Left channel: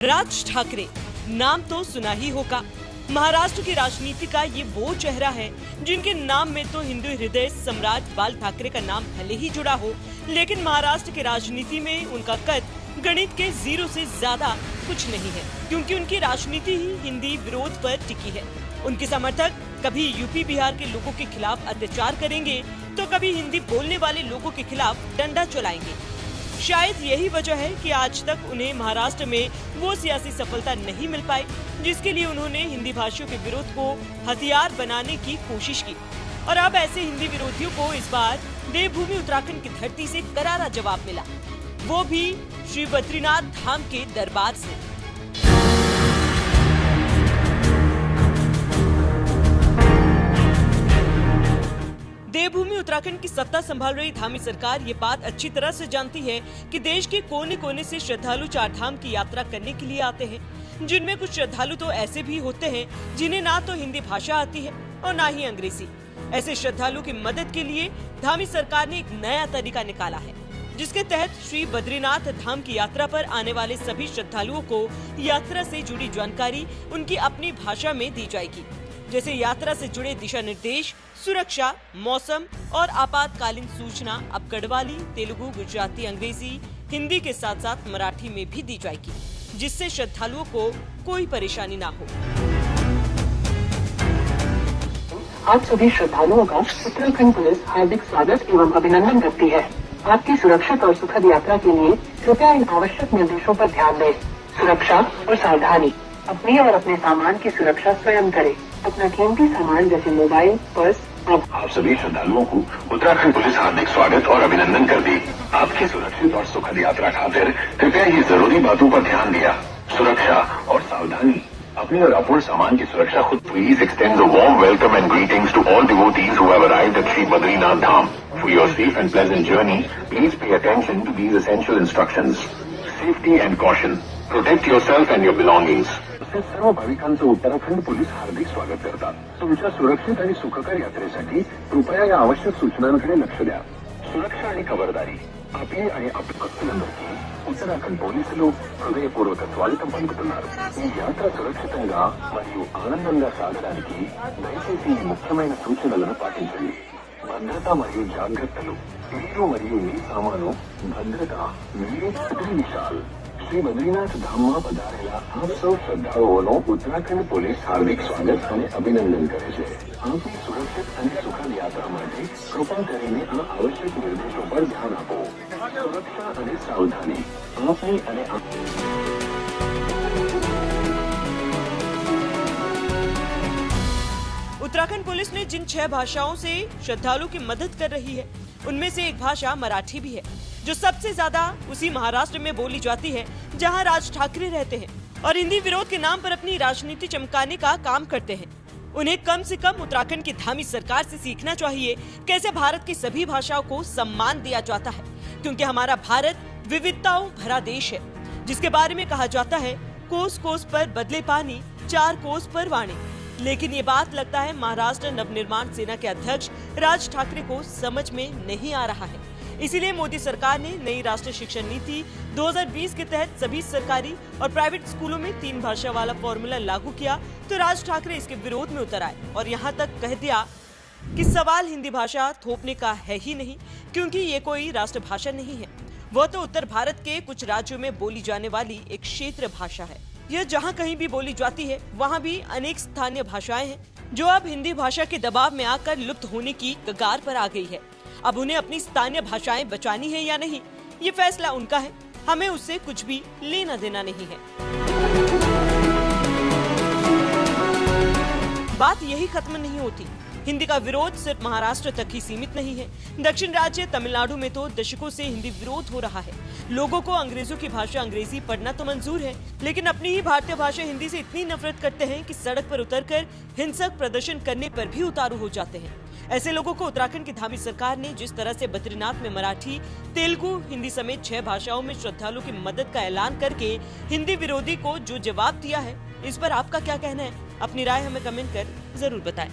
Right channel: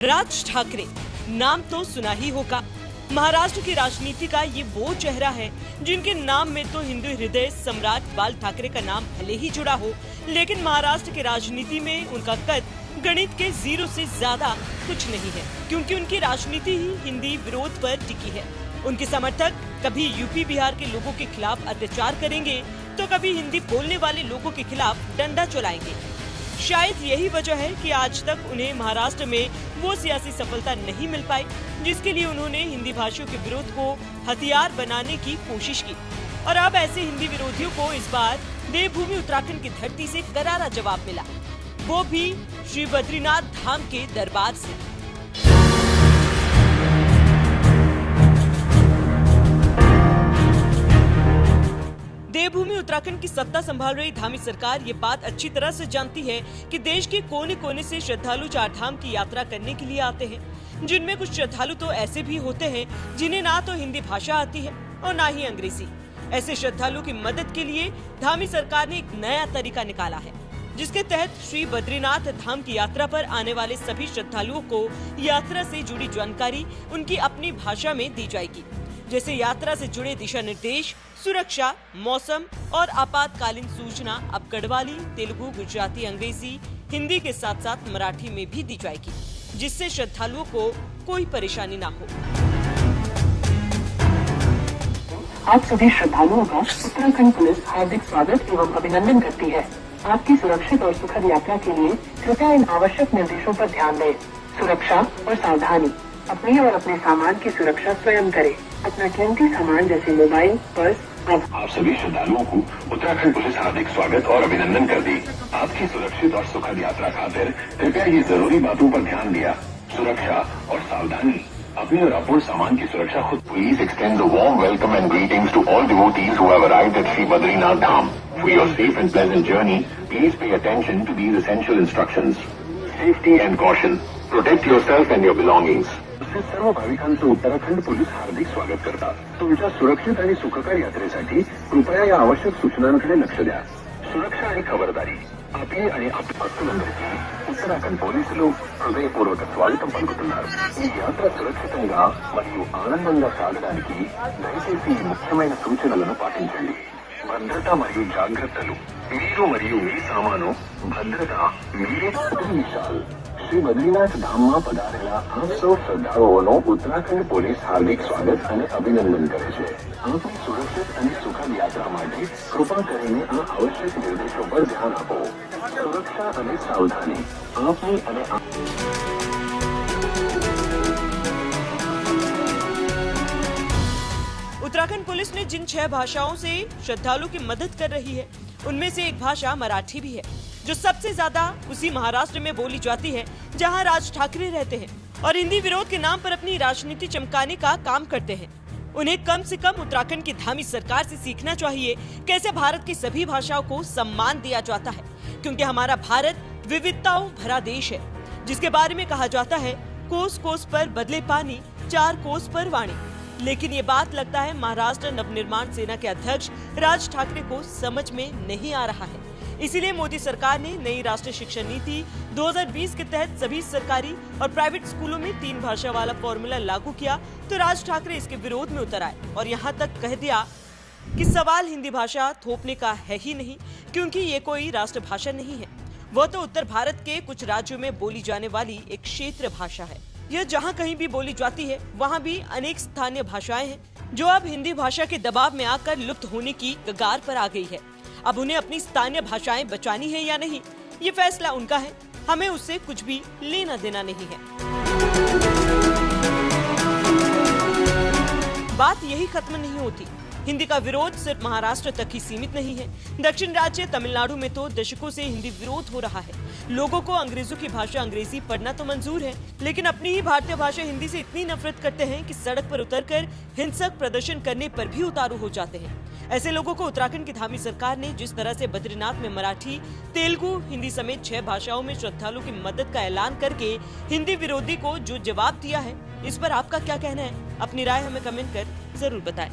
राज ठाकरे नाम तो सुना ही होगा। महाराष्ट्र की राजनीति का ये वो चेहरा है जिनके नाम में तो हिंदू हृदय सम्राट बाल ठाकरे का नाम भले ही जुड़ा हो, लेकिन महाराष्ट्र की राजनीति में उनका कद गणित के 0 से ज्यादा कुछ नहीं है, क्योंकि उनकी राजनीति ही हिंदी विरोध पर टिकी है। उनके समर्थक कभी यूपी बिहार के लोगों के खिलाफ अत्याचार करेंगे तो कभी हिंदी बोलने वाले लोगों के खिलाफ डंडा चलाएंगे। शायद यही वजह है कि आज तक उन्हें महाराष्ट्र में वो सियासी सफलता नहीं मिल पाई जिसके लिए उन्होंने हिंदी भाषियों के विरोध को हथियार बनाने की कोशिश की। और अब ऐसे हिंदी विरोधियों को इस बार देवभूमि उत्तराखंड की धरती से करारा जवाब मिला, वो भी श्री बद्रीनाथ धाम के दरबार से। देवभूमि उत्तराखंड की सत्ता संभाल रही धामी सरकार ये बात अच्छी तरह से जानती है कि देश के कोने कोने से श्रद्धालु चार धाम की यात्रा करने के लिए आते हैं, जिनमें कुछ श्रद्धालु तो ऐसे भी होते हैं जिन्हें ना तो हिंदी भाषा आती है और ना ही अंग्रेजी। ऐसे श्रद्धालु की मदद के लिए धामी सरकार ने एक नया तरीका निकाला है, जिसके तहत श्री बद्रीनाथ धाम की यात्रा पर आने वाले सभी श्रद्धालुओं को यात्रा से जुड़ी जानकारी उनकी अपनी भाषा में दी जाएगी, जैसे यात्रा से जुड़े दिशा निर्देश, सुरक्षा, मौसम और आपातकालीन सूचना अब गढ़वाली, तेलुगु, गुजराती, अंग्रेजी, हिंदी के साथ साथ मराठी में भी दी जाएगी, जिससे श्रद्धालुओं को कोई परेशानी ना हो। आप सभी श्रद्धालुओं का उत्तराखंड पुलिस हार्दिक स्वागत एवं अभिनंदन करती है। आपकी सुरक्षित और सुखद यात्रा के लिए कृपया इन आवश्यक निर्देशों पर ध्यान दें। सुरक्षा और सावधानी, अपने और अपने सामान की सुरक्षा स्वयं करें। अपना कीमती सामान जैसे मोबाइल, पर्स। आप सभी श्रद्धालुओं को उत्तराखंड पुलिस हार्दिक स्वागत और अभिनंदन करती। आपकी सुरक्षित और सुखद यात्रा खातिर कृपया ये जरूरी बातों पर ध्यान दिया। सुरक्षा और सावधानी, अपने और अपने सामान की सुरक्षा खुद। Please extend a warm welcome and greetings to all devotees who have arrived at Sri Badrinath Dham. For your safe and pleasant journey, please pay attention to these essential instructions. Safety and caution. Protect yourself and your belongings. सर्व भाविकांचं Uttarakhand police हार्दिक स्वागत करतात। तुमच्या सुरक्षित आणि सुखकर यात्रेसाठी कृपया या आवश्यक सूचनांकडे लक्ष द्या। सुरक्षा आणि खबरदारी, आपली आणि आपल्या उत्तराखंड పోలీసులు హృదయపూర్వక స్వాగతం పలుకుతున్నారు। ఈ యాత్ర సురక్షితంగా మరియు ఆనందంగా సాగడానికి దయచేసి ఈ ముఖ్యమైన సూచనలను పాటించండి। భద్రత మరియు జాగ్రత్తలు, మీరు మరియు మీ సామాను భద్రత మీరే పూర్తి విషయాలు। श्री बद्रीनाथ धाम में पधारेला आप सौ श्रद्धालुओं उत्तराखंड पुलिस हार्दिक स्वागत और अभिनंदन करे छे। आपकी सुरक्षित और सुखद यात्रा माटे कृपा करीने आ आवश्यक निर्देशों पर ध्यान आपो। सुरक्षा और सावधानी, आपनी उत्तराखंड पुलिस ने जिन 6 भाषाओं से श्रद्धालु की मदद कर रही है, उनमें से एक भाषा मराठी भी है, जो सबसे ज्यादा उसी महाराष्ट्र में बोली जाती है जहां राज ठाकरे रहते हैं और हिंदी विरोध के नाम पर अपनी राजनीति चमकाने का काम करते हैं। उन्हें कम से कम उत्तराखंड की धामी सरकार से सीखना चाहिए कैसे भारत की सभी भाषाओं को सम्मान दिया जाता है, क्योंकि हमारा भारत विविधताओं भरा देश है, जिसके बारे में कहा जाता है कोस कोस पर बदले पानी, 4 कोस पर वाणी। लेकिन ये बात लगता है महाराष्ट्र नवनिर्माण सेना के अध्यक्ष राज ठाकरे को समझ में नहीं आ रहा है। इसीलिए मोदी सरकार ने नई राष्ट्रीय शिक्षा नीति 2020 के तहत सभी सरकारी और प्राइवेट स्कूलों में 3 भाषा वाला फॉर्मूला लागू किया, तो राज ठाकरे इसके विरोध में उतर आए और यहाँ तक कह दिया कि सवाल हिंदी भाषा थोपने का है ही नहीं, क्योंकि ये कोई राष्ट्रभाषा नहीं है, वो तो उत्तर भारत के कुछ राज्यों में बोली जाने वाली एक क्षेत्रीय भाषा है। यह जहाँ कहीं भी बोली जाती है वहाँ भी अनेक स्थानीय भाषाएं हैं जो अब हिंदी भाषा के दबाव में आकर लुप्त होने की कगार पर आ गई है। अब उन्हें अपनी स्थानीय भाषाएं बचानी है या नहीं, ये फैसला उनका है, हमें उससे कुछ भी लेना देना नहीं है। बात यही खत्म नहीं होती। हिंदी का विरोध सिर्फ महाराष्ट्र तक ही सीमित नहीं है। दक्षिण राज्य तमिलनाडु में तो दशकों से हिंदी विरोध हो रहा है। लोगों को अंग्रेजों की भाषा अंग्रेजी पढ़ना तो मंजूर है, लेकिन अपनी ही भारतीय भाषा हिंदी से इतनी नफरत करते हैं कि सड़क पर उतरकर हिंसक प्रदर्शन करने पर भी उतारू हो जाते हैं। ऐसे लोगों को उत्तराखंड की धामी सरकार ने जिस तरह से बद्रीनाथ में मराठी, तेलुगु, हिंदी समेत 6 भाषाओं में श्रद्धालुओं की मदद का ऐलान करके हिंदी विरोधी को जो जवाब दिया है, इस पर आपका क्या कहना है? अपनी राय हमें कमेंट कर जरूर बताएं।